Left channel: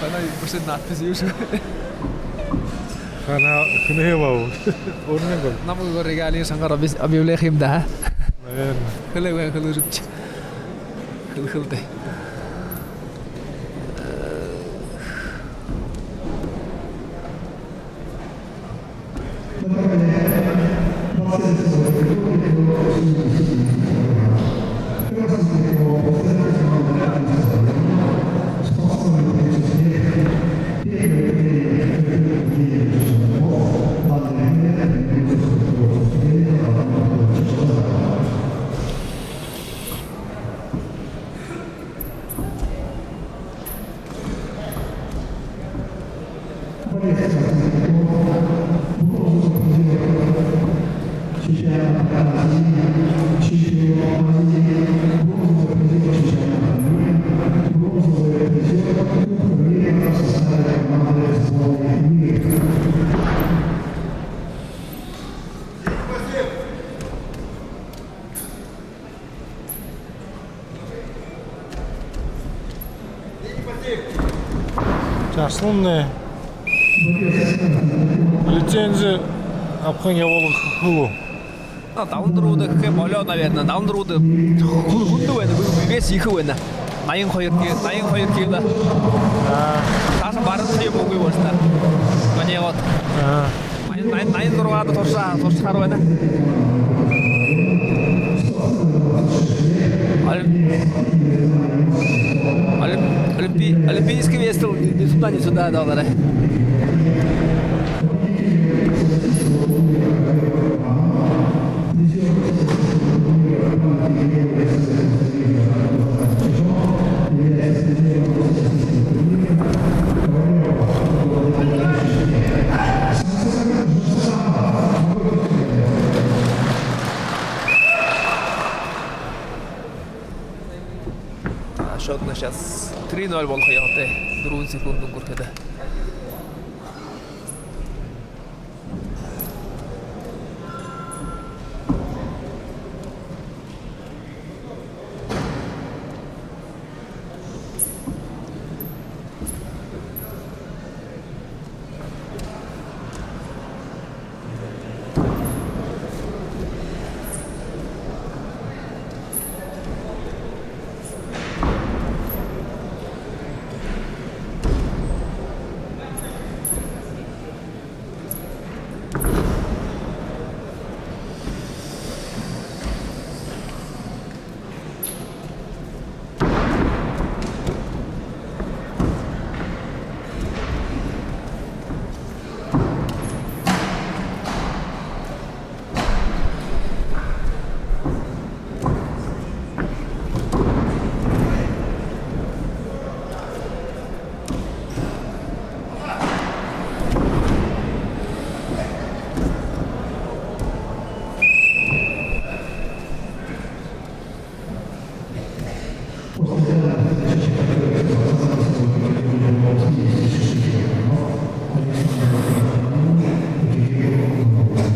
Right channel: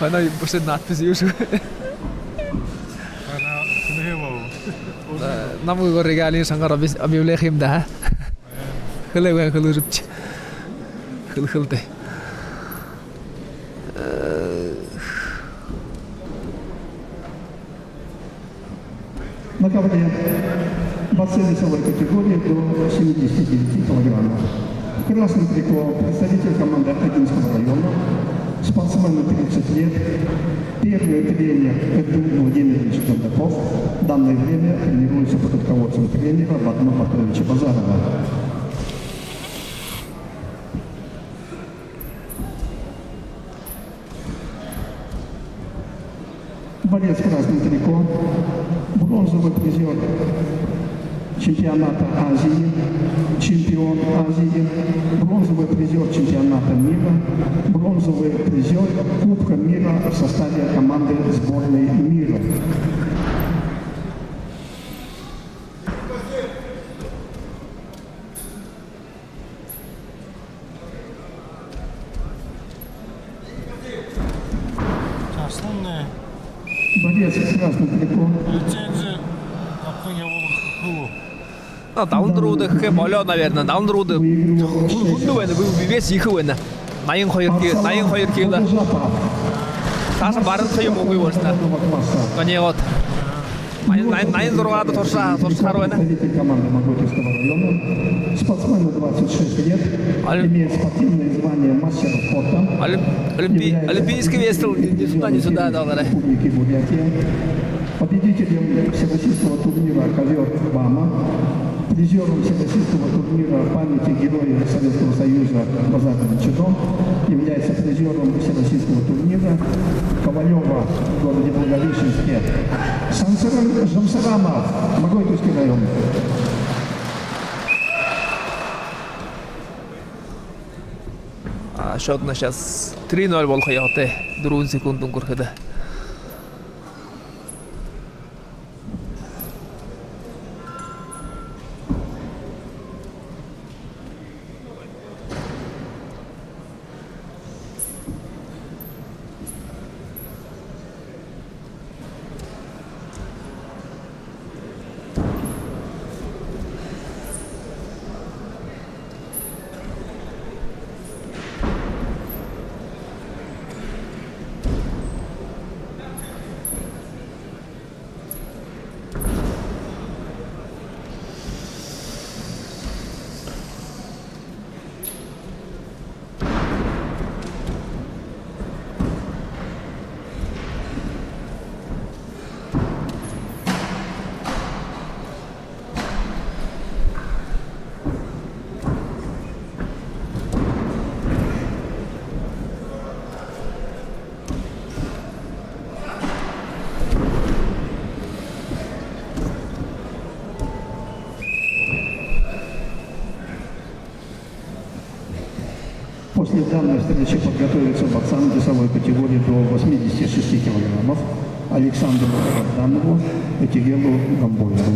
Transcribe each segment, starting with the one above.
Она просто надпись южу. Она хневал. Нам его регалии сангар объявление им да. Хлеб хлеб. Хлеб. Наконец, бассейн категории до 70 кг. Красный прикол, представитель команды Академского района, спортсмен 30 лет, первый тренер Категории Евгений Чесноков, данный тренер является руководством тренера Владимира Павловича Базарова. Борец красный прикол, бронзовый призер чемпионата Азии, чемпион Азии, бронзовый призер чемпионата мира, бронзовый призер Кубка мира в составе команды сборной мира. Жаслынный Борец красный прикол. лицензия Абхания Волохулу. Даунроуд хэ болоо наверное. Даунроуд хүнд байна. Вес их байна. 82 кг. Таасан барах юм уу вэ? Ганьягот. 86-аад туршаар байна. Олимпийский вес не сюда доллары. Победитель всероссийского турнира «Ковер Кубана», призер всероссийского турнира памяти героев Советского Союза Базарным Чижом, является призером всероссийского турнира Ковалева Владимир Владимирович. Самсонов Жамсаганов, могу пустить. Счет сейчас 3-0 болох яваатай. 4 секунд өнгөрөхөд. После данной встречи готовится пацаны весовой категории до 86 кг. Александру Богданову, Екатерину Камбоджу.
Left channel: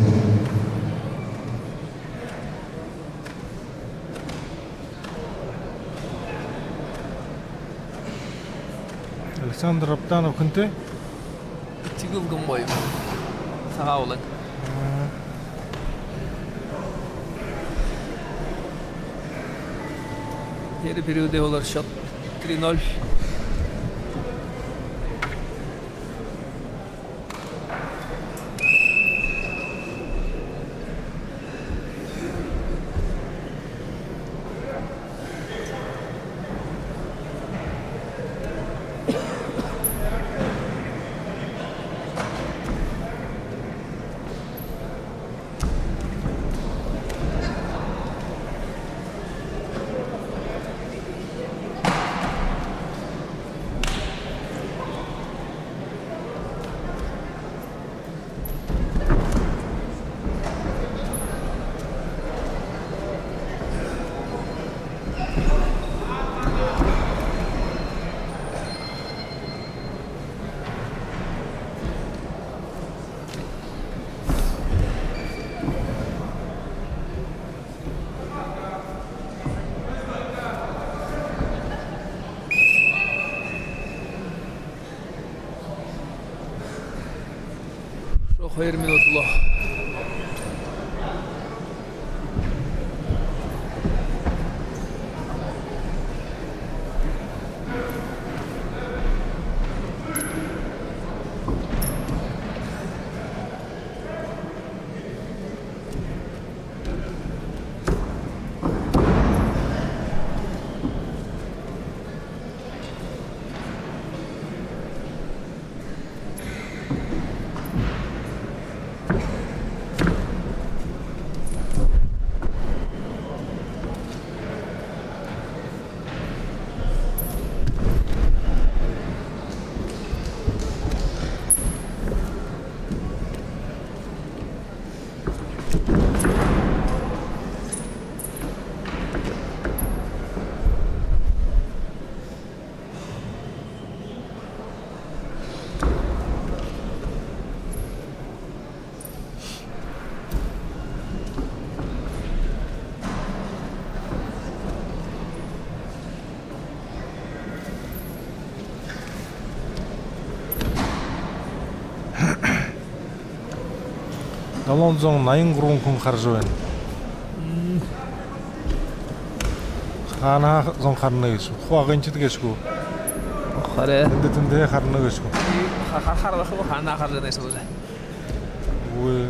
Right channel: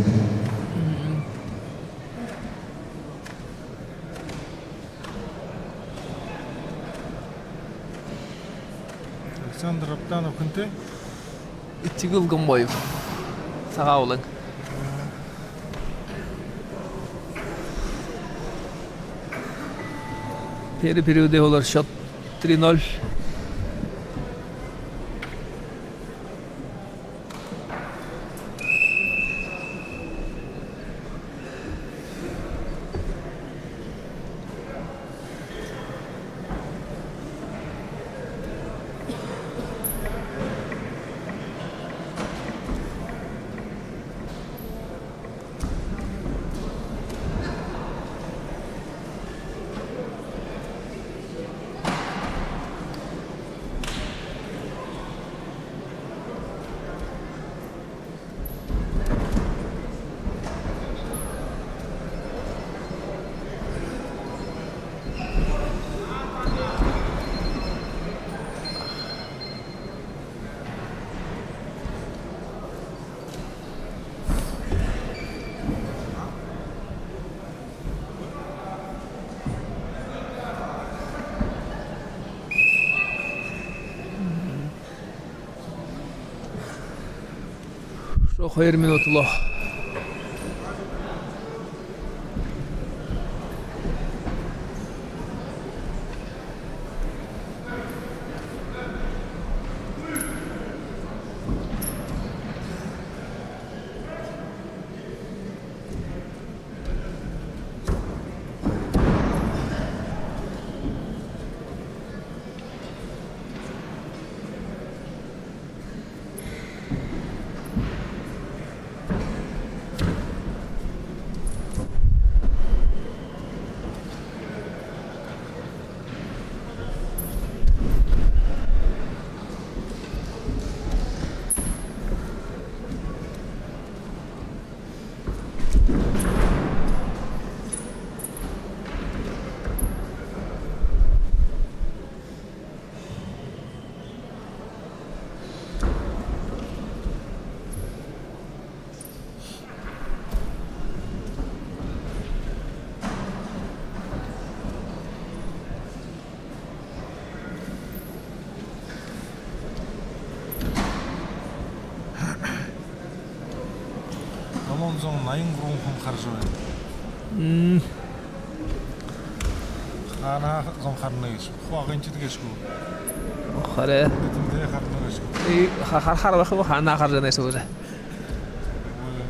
Александр Аптанов көнтэй Тигэл Гомбоев. Сагаулан. Первый период олар счет 3-0. Ошо 2 минутло. Далонзон 83 хүн харж байна. Хана зон харна гэж. Хуагийн ч гэшгүй. Хараа. Тэндээ харна гэшгүй. Харах хана харж байгаа юм байна. Үгүй.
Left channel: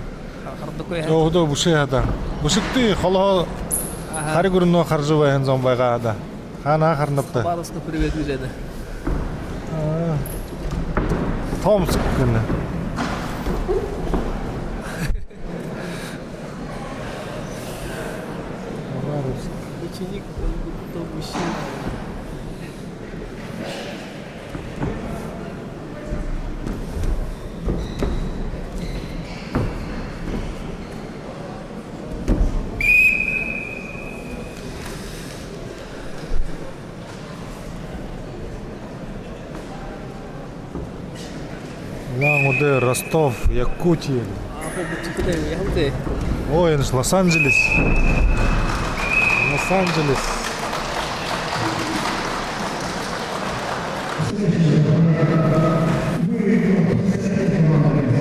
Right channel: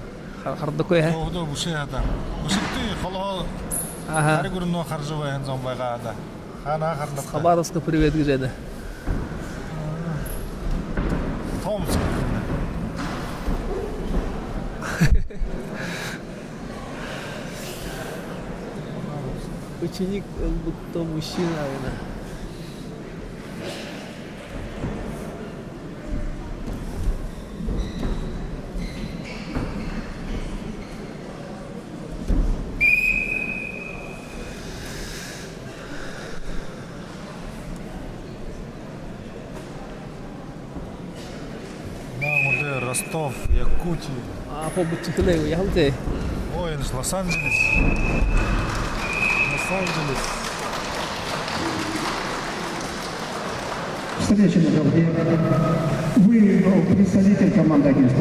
Хардаггүй. Өдөө бүшээ хадаа. Бүшигтэй холоо хариг өрнөө харж байна зон байгаа да. Хана харнавтай. Хабаровск привет гэж байна. Томск гэнэ. Ученик будто мужчина. Лангуде Ростов, Якутия. А побудьте я худе. Ой, это Лос-Анджелес. Лос-Анджелес. Следующий представитель команды